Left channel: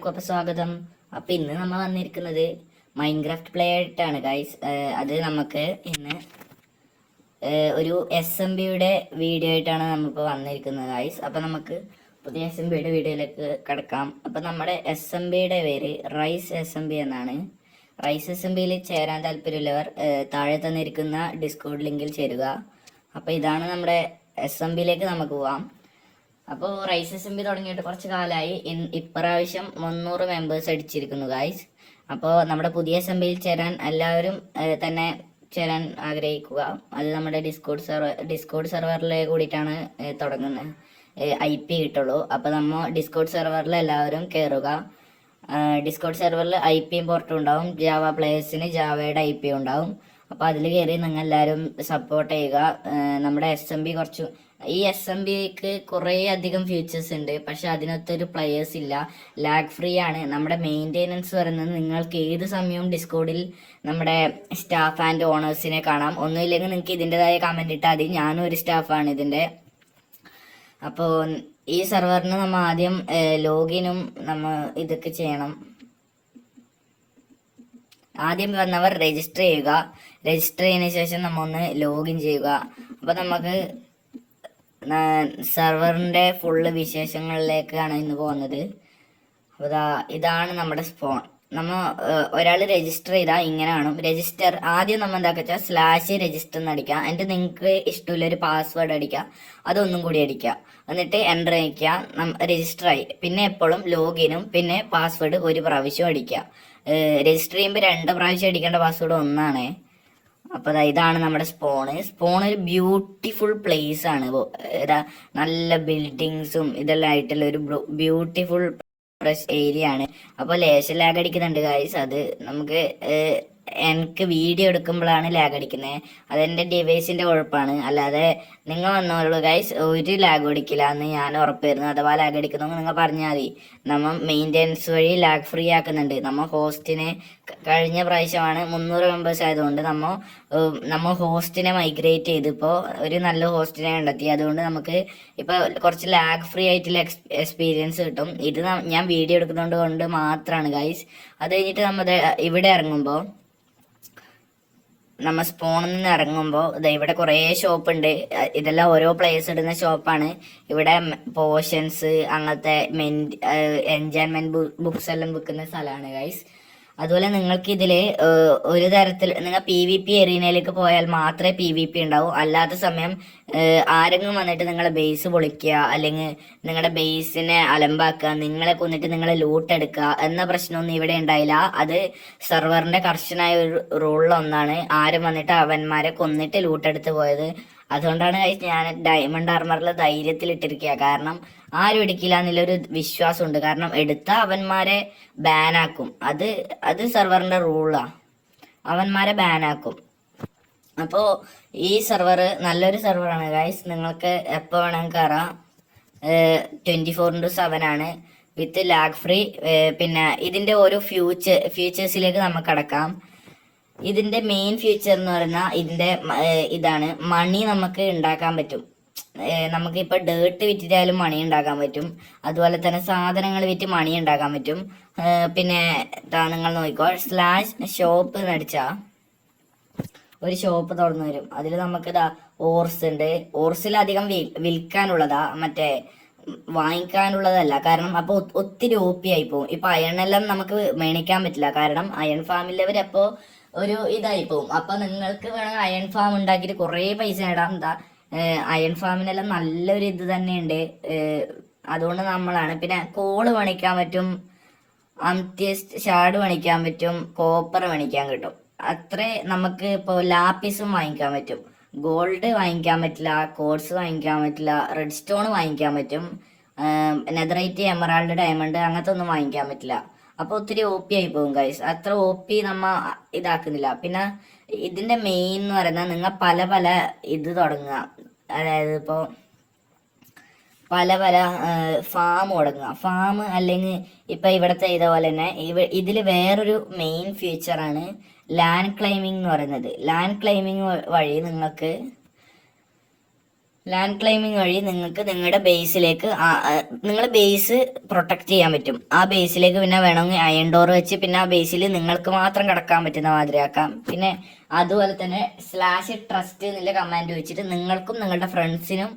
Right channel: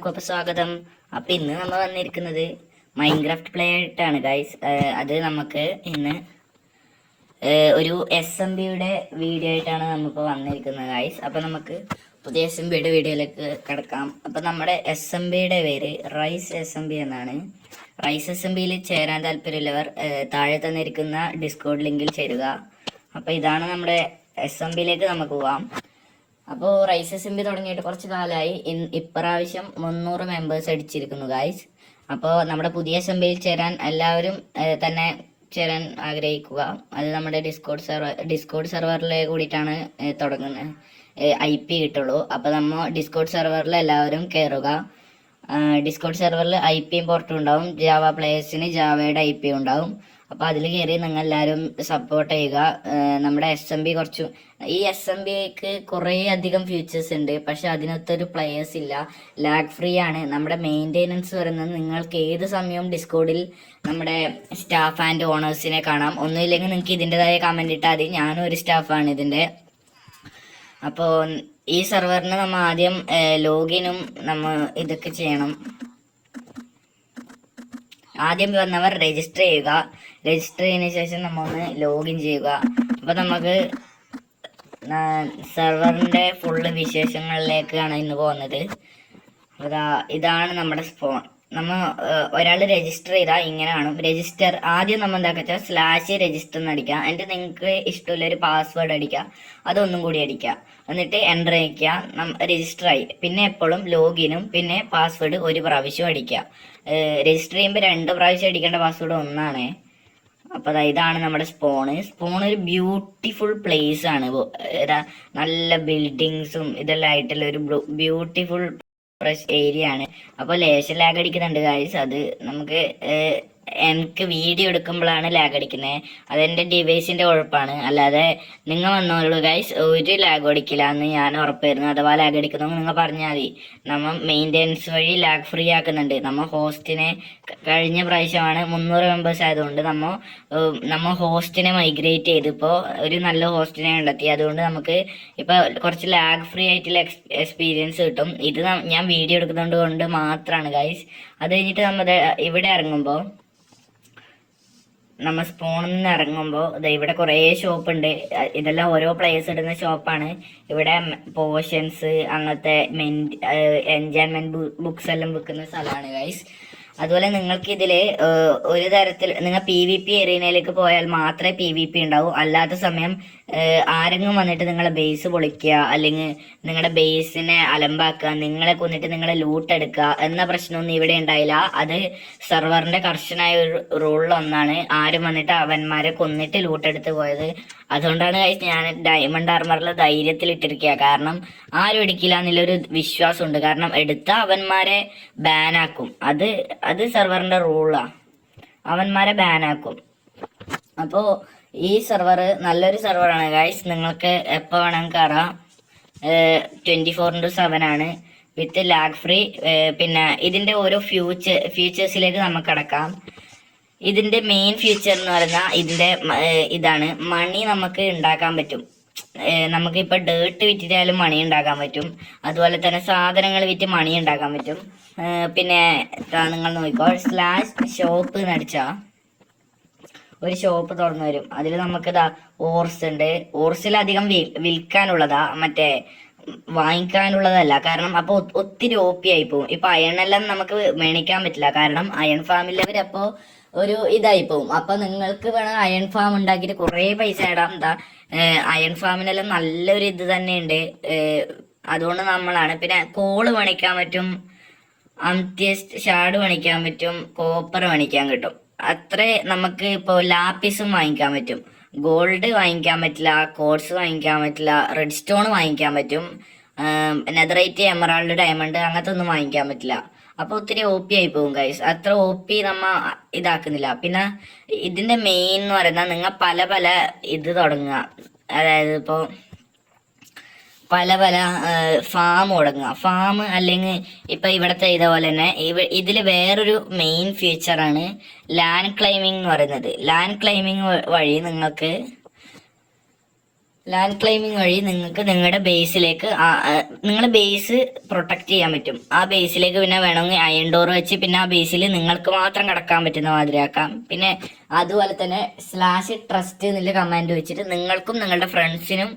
എല്ലാവർക്കും അപ്പോൾ സ്വാഗതം. അപ്പോൾ ഇന്ന് നമ്മൾ വന്നിരിക്കുന്നത് മൈൻക്രാഫ്റ്റ് പ്ലേ ആയിട്ടാണ് ഗൈസ്. അത് നമുക്ക് ഇന്ന് ഒരു SMBയുടെ വീഡിയോ ആയിട്ടാണ് നമ്മളിപ്പോൾ വന്നിരിക്കുന്നത് ഗൈസ്. അപ്പോൾ നമുക്ക് പുതിയ SMBയുടെ വീഡിയോയിലേക്ക് കിടക്കാം. അപ്പോൾ നമ്മുടെ SMBയുടെ പേര് റൈസ് SMB എന്നാണ്. റൈസ് SMBയിൽ ചേരാൻ താല്പര്യമുള്ളവർ താഴെ തന്നിരിക്കുന്ന ഡിസ്കോഡ് ലിങ്കിൽ ചേരുക. അപ്പോൾ ഇതാണ് നമ്മുടെ SMBയിലേക്ക് നമുക്ക് പോവാം. അപ്പോൾ റൈസ് SMB തുടങ്ങിയിട്ട് കുറച്ച് കാലമായി. ഇപ്രാവശ്യം 300 മെമ്പേഴ്സ് അടിച്ചിരിക്കുന്നു ഗായ്സ്. അപ്പോൾ നമ്മുടെ പുതിയ SMBയിൽ ചേരാൻ എല്ലാവരും തന്നെ ചേരാൻ ആഗ്രഹിക്കുക. അത് നമ്മുടെ ഡിസ്കോഡ് സെർവറിലെ കൂടിയിട്ടാണ് തുടങ്ങുന്നത്. IP കിട്ടുള്ളൂ. അപ്പോൾ നമ്മൾ ഡിസ്കോഡ് സെർവറിൽ എല്ലാവരും കയറുക. ഡിസ്കോഡ് സെർവറിൽ IPയും പോർട്ടും ഉണ്ടാവും. ജാവ പ്ലേയേഴ്സിന് ജാവയുടെ IP ഉണ്ടാവും. അപ്പോൾ അതിൽ കയറി നിങ്ങൾ എല്ലാവരും സപ്പോർട്ട് ചെയ്യുക. നമ്മുടെ SMB ഈ SMBക്ക് കുറേ അധികം ഫീച്ചേഴ്സ് ഉണ്ട്, പക്ഷെ അതിനകത്തൊരു പ്ലെയേഴ്സ് ഇല്ല. ലാഗ് ഫ്രീ ആണ്. നമ്മുടെ മെയിൻ്റെനൻസ് പറയുന്നത് നിങ്ങൾക്ക് ഏത് സമയവും ഡിസ്കോഡിൽ നമ്മുടെ സ്റ്റാഫ് ആൻഡ് ഓണേഴ്സിനെ കാണാം. ഒന്നുമില്ലെങ്കിൽ നിങ്ങൾക്ക് ഇതിൻ്റെതായ കമൻറ്റ് ഇട്ടാൽ മതി. ഞാനും ഒരു സ്റ്റാഫാണ് ഇതിൻ്റെ. അപ്പോൾ ഈ സെർവറിന് നമ്മൾ ആദ്യം ലോഗിനും നമ്മൾ ഇതൊക്കെ ചെയ്യണം. ആദ്യം വന്നവർ രജിസ്റ്റർ ചെയ്യുക. രജിസ്റ്റർ ചെയ്തതിന് ശേഷം നമ്മൾ ഒന്ന് ലോഗിൻ ചെയ്യുക. അപ്പോൾ നമുക്ക് സെർവറിൻ്റെ ഫുള്ള് വിശേഷങ്ങളിലേക്കാണ് ഇന്ന് പോകുന്നത്. ഇതാണ് നമ്മുടെ സ്പോൺ. ഒരാൾ രജിസ്റ്റർ ചെയ്താൽ ഇങ്ങനെ കാണും. രജിസ്റ്റർ ആദ്യം നമ്മൾ എന്താ വെച്ചാൽ /രജിസ്റ്റർ എന്ന് അടിക്കുക. എന്നിട്ട് നിങ്ങൾക്ക് ഇഷ്ടമുള്ളൊരു പാസ്വേഡ് അടിക്കുക. അതൊന്നും കൂടി അടിക്കുക. എന്നിട്ട് എൻ്റർ അടിക്കുക. രജിസ്റ്റർ ആയി. പിന്നെ എപ്പോഴും ലോഗിനും പിന്നെ പാസ്വേഡ് ഒരു പ്രാവശ്യം അടിക്കുക. രജിസ്റ്റർ ചെയ്യുമ്പോൾ 2 പ്രാവശ്യം അടിക്കേണ്ട പാസ്വേഡ് ഒന്നാണ്. അപ്പോൾ ഇതാണ് നമ്മുടെ സ്പോണ്. ഒരു ബ്യൂട്ടിഫുൾ പ്ലേസ് ആണ്. നല്ല ബിൽഡിങ്സും ഇതെല്ലാം ആയിട്ടുള്ള ഒരു ബ്യൂട്ടിഫുൾ ഫ്രഷ് ഏരിയ ആണ്. അപ്പോൾ ലേശം ലാഗ് അടിക്കുന്നുണ്ട് ഗായ്സ്. അത് നമുക്ക് എനിക്ക് വീഡിയോ എടുക്കുമ്പോഴാണ് ലാഗ് അടിക്കുന്നത്. അതെൻ്റെ ഡിവൈസിൻ്റെ കുഴപ്പമാണ്. അല്ലാതെ നിങ്ങൾ വന്നോളൂ ഗൈസ്, ഒരു ലാഗ് അടിക്കില്ല എന്ന് ഞാൻ ഉറപ്പായിരുന്നു. അഥവാ ലാഗ് അടിക്കുന്നു നിങ്ങൾ പറഞ്ഞാൽ മതി. നമ്മൾ മെയിൻ്റെനൻസ് വഴി ലാഗ് ഫ്രീ ആക്കുന്നുണ്ട്. നമ്മൾ ഹോസ്റ്റിനെ കഴിഞ്ഞ പ്രാവശ്യമാണ് 300 മെമ്പേഴ്സ് ആയതുകൊണ്ട് നമ്മൾ ഹോസ്റ്റിനെ മൈഗ്രേറ്റ് ചെയ്ത് ഇപ്പോൾ ഒരു നല്ല ഹോസ്റ്റിനെ കണ്ടെത്തി. അതുകൊണ്ട് നമുക്ക് ഇപ്പോൾ കുറച്ച് ലാഗ് ഫ്രീ ആയിട്ടുള്ള എക്സ്പീരിയൻസ് കിട്ടും. ഇത് ഞാൻ വീഡിയോ എടുക്കുന്നതുകൊണ്ട് കൊണ്ട് മാത്രമാണ് ഗൈസ്. അത് കഴിഞ്ഞിട്ട് നമ്മൾ ഇവിടെ ഇറങ്ങുമ്പോൾ നമ്മൾ സ്പോണിൽ നിന്ന് ഇറങ്ങുമ്പോൾ ഇവിടെ കുറേ ഷോപ്പ് ഉണ്ട്. ഇതെല്ലാം ഓരോ പ്ലേസ് ഇടുന്ന ഷോപ്പാണ്. ഇവിടെ പോഷൻസ് അങ്ങനത്തെ എൻജോയ്മെന്റ് ബുക്സ് എല്ലാം വിൽക്കുന്ന സ്ഥലമാണ് ഗൈസ്. അതുപോലെ നിങ്ങൾക്ക് ഇതിൽ ഒരു തരത്തിൽ നിങ്ങൾ PvP ഏരിയയിലേക്ക് പോയാൽ മാത്രമേ PvP ഉണ്ടാവൂ. അല്ലാത്ത സമയം ആരെങ്കിലും വന്നിട്ട് നിങ്ങളെ ബേസ് പൊളിക്കുക, അല്ലെങ്കിൽ നിങ്ങളുടെ ബേസിനെ അലമ്പാക്കുക, നിങ്ങളെ കൊന്നിട്ട് നിങ്ങളെ ലൂട്ട് എടുക്കുക എന്ന പ്രശ്നമൊന്നും ഇവിടെ ഉണ്ടായില്ല. അത് സെർവറിന്റെ കർശനായ ഒരു റൂളിലൊന്നാണ്. ആരും വന്നിട്ട് അവന്മാരെ കൊന്നിട്ട് ലൂട്ട് എടുത്ത് പോയത്. അതുകൊണ്ടാണ് ഞാൻ ഡയമണ്ട് ആർമറിൽ ധൈര്യത്തിൽ ഇട്ടിരിക്കുക. കാരണം ആരും എടുക്കില്ല എന്നുള്ളൊരു വിശ്വാസമുണ്ട്. കാരണം എടുത്ത അവന്മാരെ ബാനാക്കും. അത് സെർവറിന്റെ റൂളാണ്. അവന്മാരെ ബാനാക്കും. അപ്പോൾ ഈ സെർവർ നല്ലൊരു സെർവറാണ് ഗൈസ്. നിങ്ങൾക്ക് എപ്പോൾ വേണമെങ്കിൽ കയറാം. 24/7 ആണ് വിത്ത് ലാഗ് ഫ്രീ. പിന്നെ ഇതിൻ്റെ ഓരോ ഫീച്ചേഴ്സിലേക്ക് നമുക്ക് കടക്കാം. ഇതിന്റെ മെയിൻ ഫീച്ചർ എന്ന് പറഞ്ഞാൽ ഇതാണ് മണി നമുക്ക് ഉണ്ടാക്കാൻ പറ്റും. നമുക്ക് ഇപ്പൊ ഡേർട്ട് വിറ്റിട്ടാലും മണി ഉണ്ടാക്കാൻ പറ്റും. അതുപോലെ തന്നെ സാധനങ്ങൾ വിറ്റ് മണി ഉണ്ടാക്കാൻ പറ്റും. പിന്നെ നിങ്ങൾ നോക്കിക്കോ, /ഷോപ്പ് എന്നടിച്ചാ ഒരു ഷോപ്പ് തുറന്നു വരും. അതിൽ നമുക്ക് ഓർസ് ഉണ്ട്. ഓർസിൽ അധികം വിൽക്കാനുള്ളതാ, മറ്റേ വാങ്ങിക്കാനുള്ളതല്ല. കാരണം അപ്പോൾ ഒത്തിരി OP ആയി പോകും. ഇപ്പൊ അയണെല്ലാം നമുക്ക് മേടിക്കാൻ പറ്റില്ല. കാരണം അയൺ ഫാമിലവർ അപ്പോൾ ഒരു ഇതായി പോവും. അപ്പൊ നിങ്ങൾക്ക് വേണം അയൺ ഫാം ഉണ്ടാക്കിയിട്ട് കുറേ പൈസ ഇടാം. അയൺ ഫാമിനെല്ലാം നല്ലൊരു ഇത് തന്നെയുണ്ട്. അതുകൊണ്ട് നമ്മളാണ്. പിന്നെ കോള് പണിക്കാൻ പറ്റും, അംത്യസ്റ്റ് ഷാഡ് പണിക്കാൻ പറ്റും, കോപ്പർ പണിക്കാൻ കിട്ടും. അത്രേ നമുക്ക് ഇപ്പോൾ ലാപ്പിസും വാങ്ങിക്കാൻ പറ്റും. ഗോൾഡ് വാങ്ങിക്കാൻ പറ്റില്ല, കോഡ്സ് വാങ്ങിക്കാൻ പറ്റില്ല, റെഡ് സ്റ്റോൺ വാങ്ങിക്കാൻ പറ്റും. നെതറൈറ്റ്, എമറാൾഡ്, ഡയമണ്ട് അങ്ങനത്തെ ഒന്നും വാങ്ങിക്കാൻ പറ്റില്ല. അപ്പോൾ ഒത്തിരി OP ആയി പോകും ഗൈസ്. അത്ര OP നമ്മ ഇതാക്കുന്നില്ല. പിന്നെ ഇതിന്റെ മെയിൻ എന്ന് പറയുന്നത് നിങ്ങൾ പല ഇത് തുടങ്ങുക. അതായത് ഇപ്പോൾ പല ഫാം തുടങ്ങുക. ഫാം അല്ലെങ്കിൽ ഇപ്പൊ ഇവിടുത്തെ ഇതുപോലെ തന്നെ ഇതിൽ വേറൊരു മെയിൻ ഫീച്ചറാണ് ലാൻഡ് ക്ലൈമിംഗ് എന്ന് പറയുന്നത്. ലാൻഡ് ക്ലൈമിംഗ് വഴി നിങ്ങൾക്ക് ലാൻഡ് ക്ലൈമിംഗ് വഴി നിങ്ങൾക്ക് നിങ്ങളുടെ ബേസിലേക്ക് നിങ്ങളെ ബേസ് പ്രൊട്ടക്ട് ചെയ്യാൻ പറ്റും. ആ ബേസിലേക്ക് പിന്നെ വേണമെങ്കിൽ അയൺ ഡോർ വെച്ച് പിന്നെ ആ ബേസിൽ നിങ്ങൾക്ക് മാത്രം കിടക്കാൻ പറ്റുന്ന മാതിരിയാക്കാം. പിന്നെ അതുപോലെ തന്നെ /trust എന്നുള്ള കമാൻഡ് വെച്ചിട്ട് നിങ്ങൾക്കും നിങ്ങളുടെ ഫ്രണ്ട്സിനും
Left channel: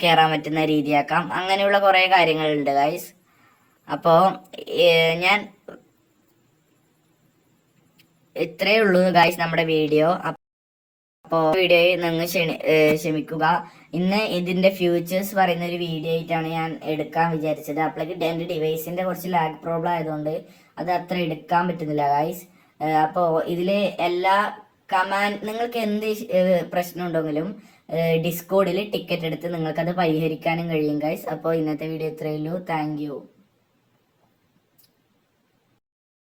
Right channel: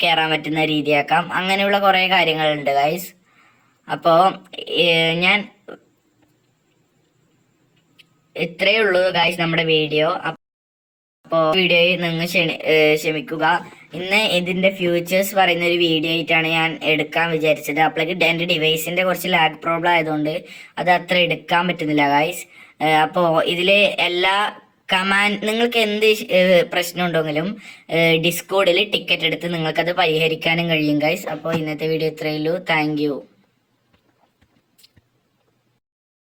കയറാൻ പറ്റുന്ന രീതിയാക്കാം. അങ്ങനെയുള്ള കുറേ കാര്യങ്ങളുണ്ട് ഗൈസ്. അപ്പോൾ ഞാൻ ഇത്രയേ ഉള്ളൂ ഗൈസ് നമ്മുടെ വീഡിയോ. അപ്പോൾ വീഡിയോയിൽ നിങ്ങൾ ക്ഷമിക്കുക. ഇന്ന് ഇതിന്റെ ഫ്യൂച്ചേഴ്സ് പറയുന്ന ഒരു വീഡിയോ ആയിട്ടാണ് ഞാൻ എടുക്കാൻ വിചാരിച്ചത്. അപ്പോഴേക്ക് എൻ്റെ ഡിവൈസിന്റെ കുറച്ച് ലാഗ് പ്രോബ്ലം ആയതുകൊണ്ട് അത് അത്ര എടുക്കാൻ പറ്റുന്നില്ല ഗൈസ്. അപ്പോൾ ഇതിലെ എല്ലാ നിങ്ങൾക്ക് എന്ത് പ്രശ്നം ഉണ്ടെങ്കിലും ഡിസ്കോഡിൽ ടിക്കറ്റ് എടുത്ത് നിങ്ങൾക്കത് പരിഹരിക്കാനും കഴിയും ഗൈസ്. അപ്പോൾ ഇന്നത്തെ വീഡിയോ ഇത്രയേ ഉള്ളൂ. Thank you.